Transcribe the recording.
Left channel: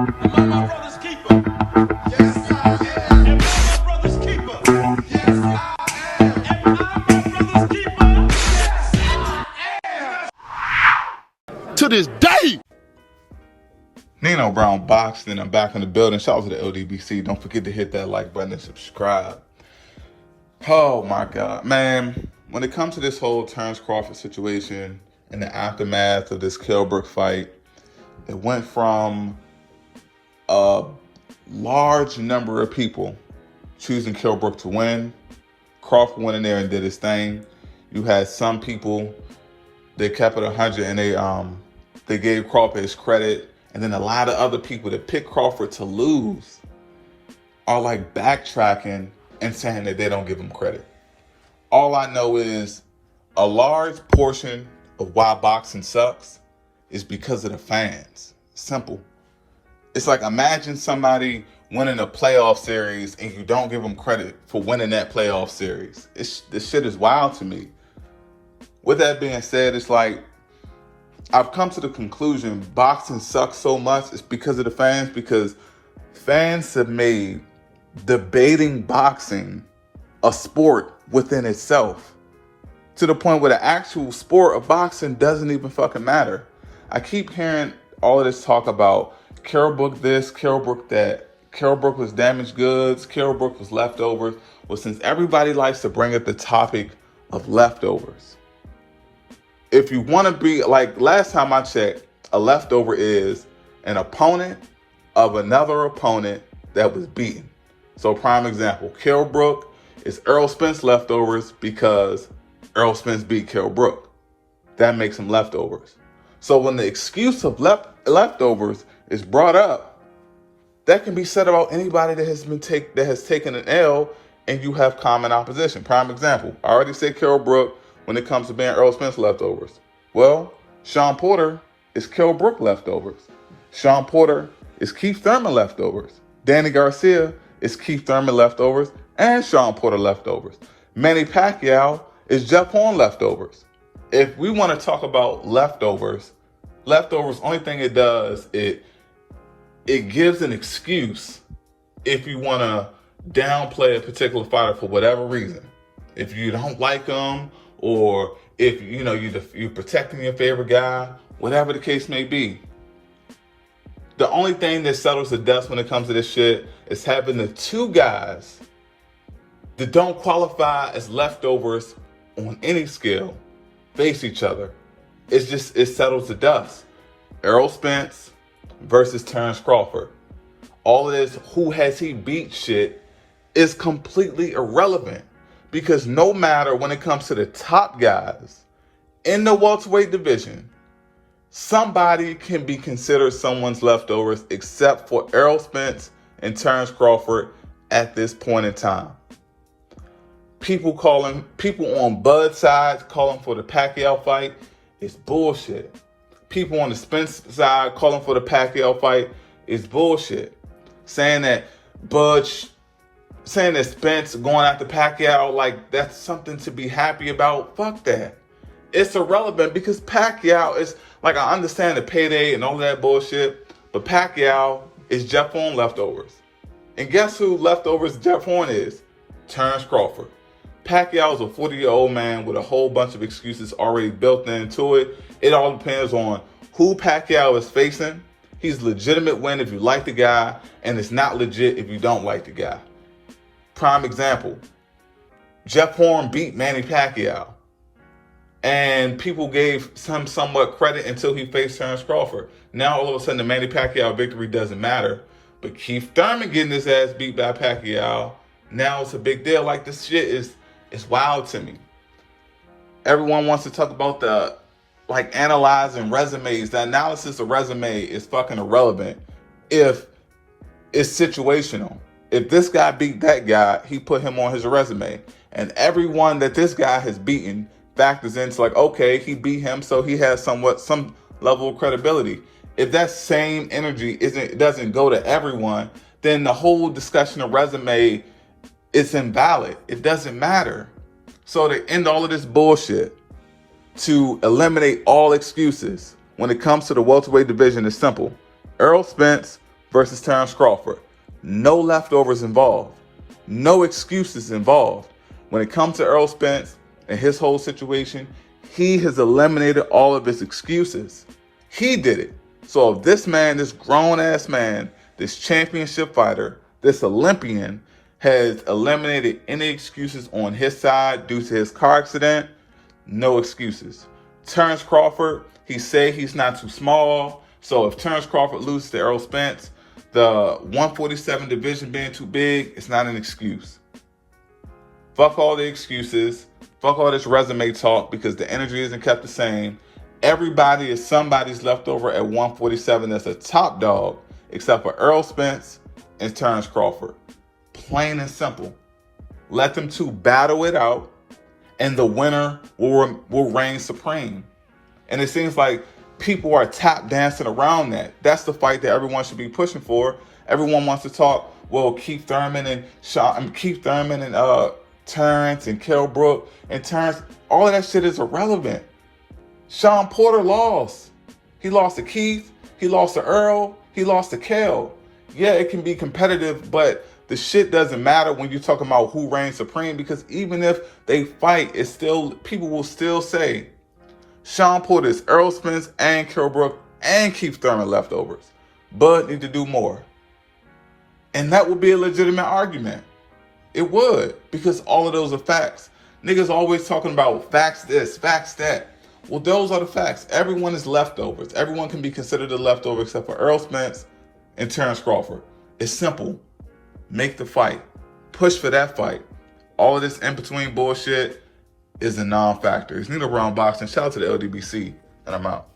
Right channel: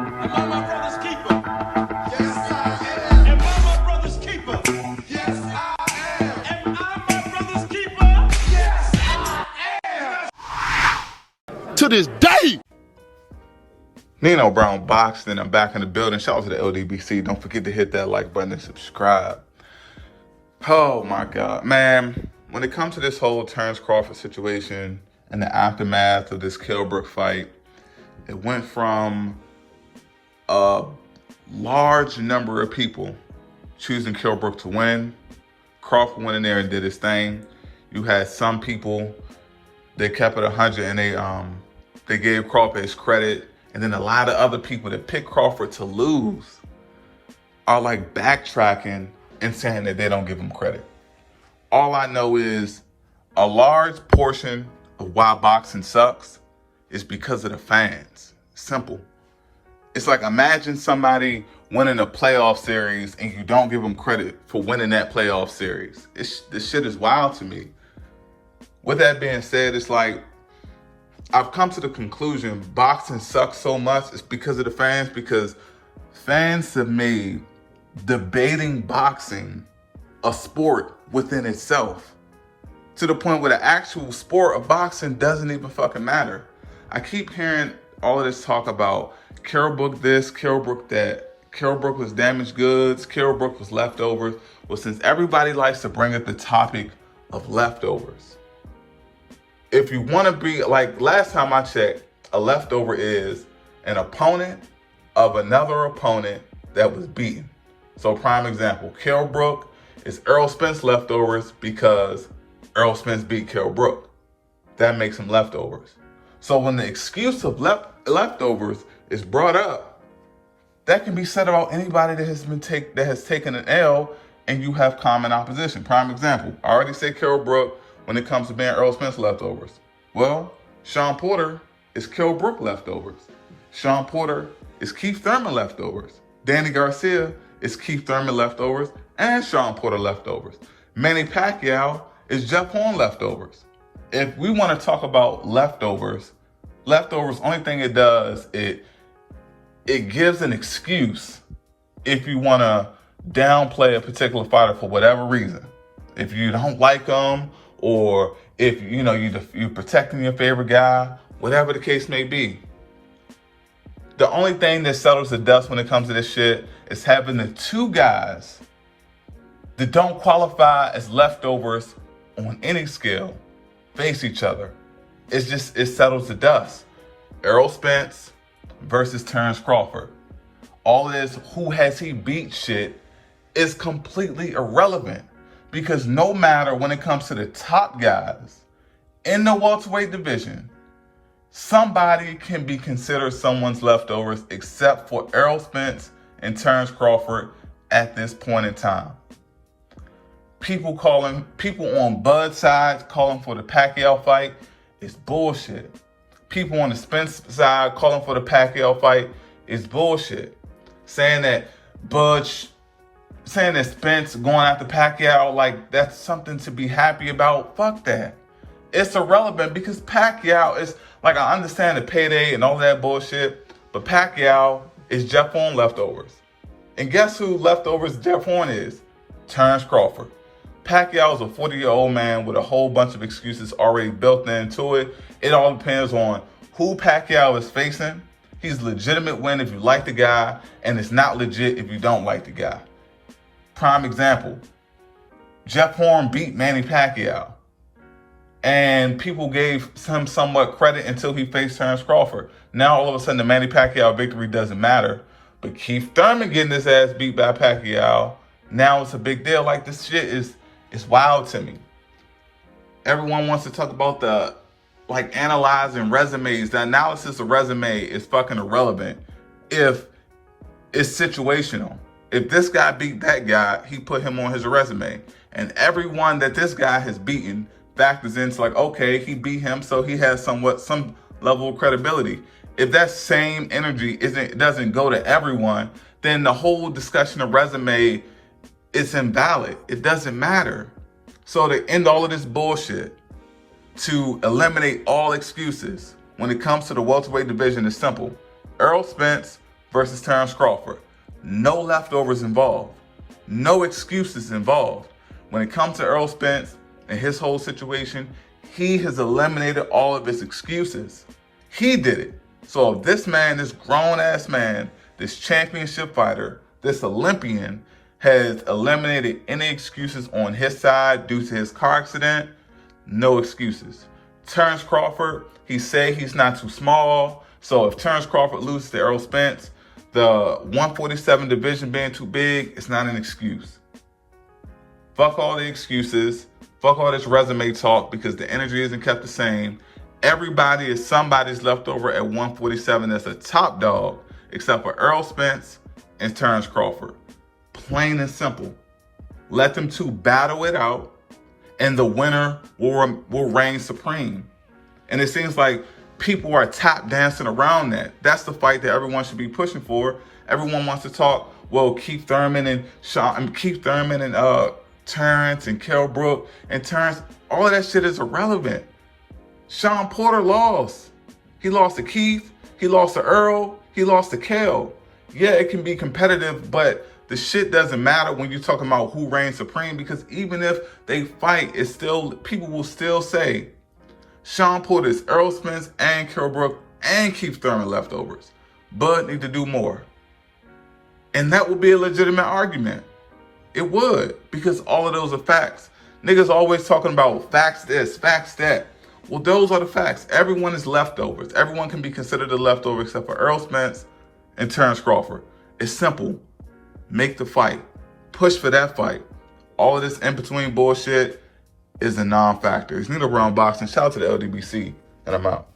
Am I my brother's keeper? Yes, I am. Am I my brother's keeper? Yes, I am. Am I my brother's keeper? Yes, I am. To this day. Nino Brown Boxing. I'm back in the building. Shout out to the LDBC. Don't forget to hit that like button and subscribe. Oh my God, man. When it comes to this whole Terence Crawford situation and the aftermath of this Kell Brook fight, it went from a large number of people choosing Kell Brook to win. Crawford went in there and did his thing. You had some people, they kept it 100 and they gave Crawford his credit. And then a lot of other people that picked Crawford to lose are like backtracking and saying that they don't give him credit. All I know is a large portion of why boxing sucks is because of the fans. Simple. It's like, imagine somebody winning a playoff series and you don't give them credit for winning that playoff series. This shit is wild to me. With that being said, it's like, I've come to the conclusion boxing sucks so much, it's because of the fans, because fans have made debating boxing a sport within itself, to the point where the actual sport of boxing doesn't even fucking matter. I keep hearing all of this talk about Kell Brook this, Kell Brook that, Kell Brook was damaged goods, Kell Brook was leftovers. Well, since everybody likes to bring up the topic of leftovers, if you want to be, like last time I checked, a leftover is an opponent of another opponent that was beaten. So prime example, Kell Brook is Errol Spence leftovers because Errol Spence beat Kell Brook. That makes him leftovers. So when the excuse of leftovers is brought up, that can be said about anybody that has taken an L and you have common opposition. Prime example, I already said Kell Brook when it comes to being Errol Spence leftovers. Well, Shawn Porter is Kell Brook leftovers. Shawn Porter is Keith Thurman leftovers. Danny Garcia is Keith Thurman leftovers and Shawn Porter leftovers. Manny Pacquiao is Jeff Horn leftovers. If we want to talk about leftovers, only thing it does, it gives an excuse if you want to downplay a particular fighter for whatever reason. If you don't like them, or if you're protecting your favorite guy, whatever the case may be. The only thing that settles the dust when it comes to this shit is having the two guys that don't qualify as leftovers on any scale face each other. It settles the dust. Errol Spence versus Terence Crawford. All of this who has he beat shit is completely irrelevant, because no matter when it comes to the top guys in the welterweight division, somebody can be considered someone's leftovers except for Errol Spence and Terence Crawford at this point in time. People on Bud's side calling for the Pacquiao fight is bullshit. People on the Spence side calling for the Pacquiao fight is bullshit. Saying that Spence going after Pacquiao, like that's something to be happy about. Fuck that. It's irrelevant, because Pacquiao is, like, I understand the payday and all that bullshit, but Pacquiao is Jeff Horn leftovers. And guess who leftovers Jeff Horn is? Terence Crawford. Pacquiao is a 40-year-old man with a whole bunch of excuses already built into it. It all depends on who Pacquiao is facing. He's legitimate win if you like the guy, and it's not legit if you don't like the guy. Prime example, Jeff Horn beat Manny Pacquiao, and people gave him somewhat credit until he faced Terence Crawford. Now all of a sudden the Manny Pacquiao victory doesn't matter, but Keith Thurman getting his ass beat by Pacquiao, now it's a big deal. Like, this shit is wild to me. Everyone wants to talk about analyzing resumes. The analysis of resume is fucking irrelevant if it's situational. If this guy beat that guy, he put him on his resume. And everyone that this guy has beaten factors into, like, okay, he beat him, so he has some level of credibility. If that same energy doesn't go to everyone, then the whole discussion of resume is invalid. It doesn't matter. So to end all of this bullshit, to eliminate all excuses when it comes to the welterweight division, is simple. Errol Spence versus Terence Crawford. No leftovers involved. No excuses involved. When it comes to Errol Spence and his whole situation, he has eliminated all of his excuses. He did it. So if this man, this grown-ass man, this championship fighter, this Olympian, has eliminated any excuses on his side due to his car accident, no excuses. Terence Crawford, he said he's not too small. So if Terence Crawford loses to Errol Spence, the 147 division being too big, it's not an excuse. Fuck all the excuses. Fuck all this resume talk because the energy isn't kept the same. Everybody is somebody's leftover at 147 that's a top dog, except for Errol Spence and Terence Crawford. Plain and simple. Let them two battle it out, and the winner will reign supreme. And it seems like people are tap dancing around that. That's the fight that everyone should be pushing for. Everyone wants to talk, well, Keith Thurman and Terence and Kell Brook and Terence. All of that shit is irrelevant. Sean Porter lost. He lost to Keith. He lost to Earl. He lost to Kell. Yeah, it can be competitive, but the shit doesn't matter when you're talking about who reigns supreme, because even if they fight, it's still, people will still say Sean Porter is Errol Spence and Kell Brook and Keith Thurman leftovers. Bud need to do more. And that would be a legitimate argument. It would, because all of those are facts. Niggas always talking about facts this, facts that. Well, those are the facts. Everyone is leftovers. Everyone can be considered a leftover except for Errol Spence and Terence Crawford. It's simple. Make the fight. Push for that fight. All of this in-between bullshit is a non-factor. It's Nino Brown Boxing. Shout out to the LDBC, and I'm out.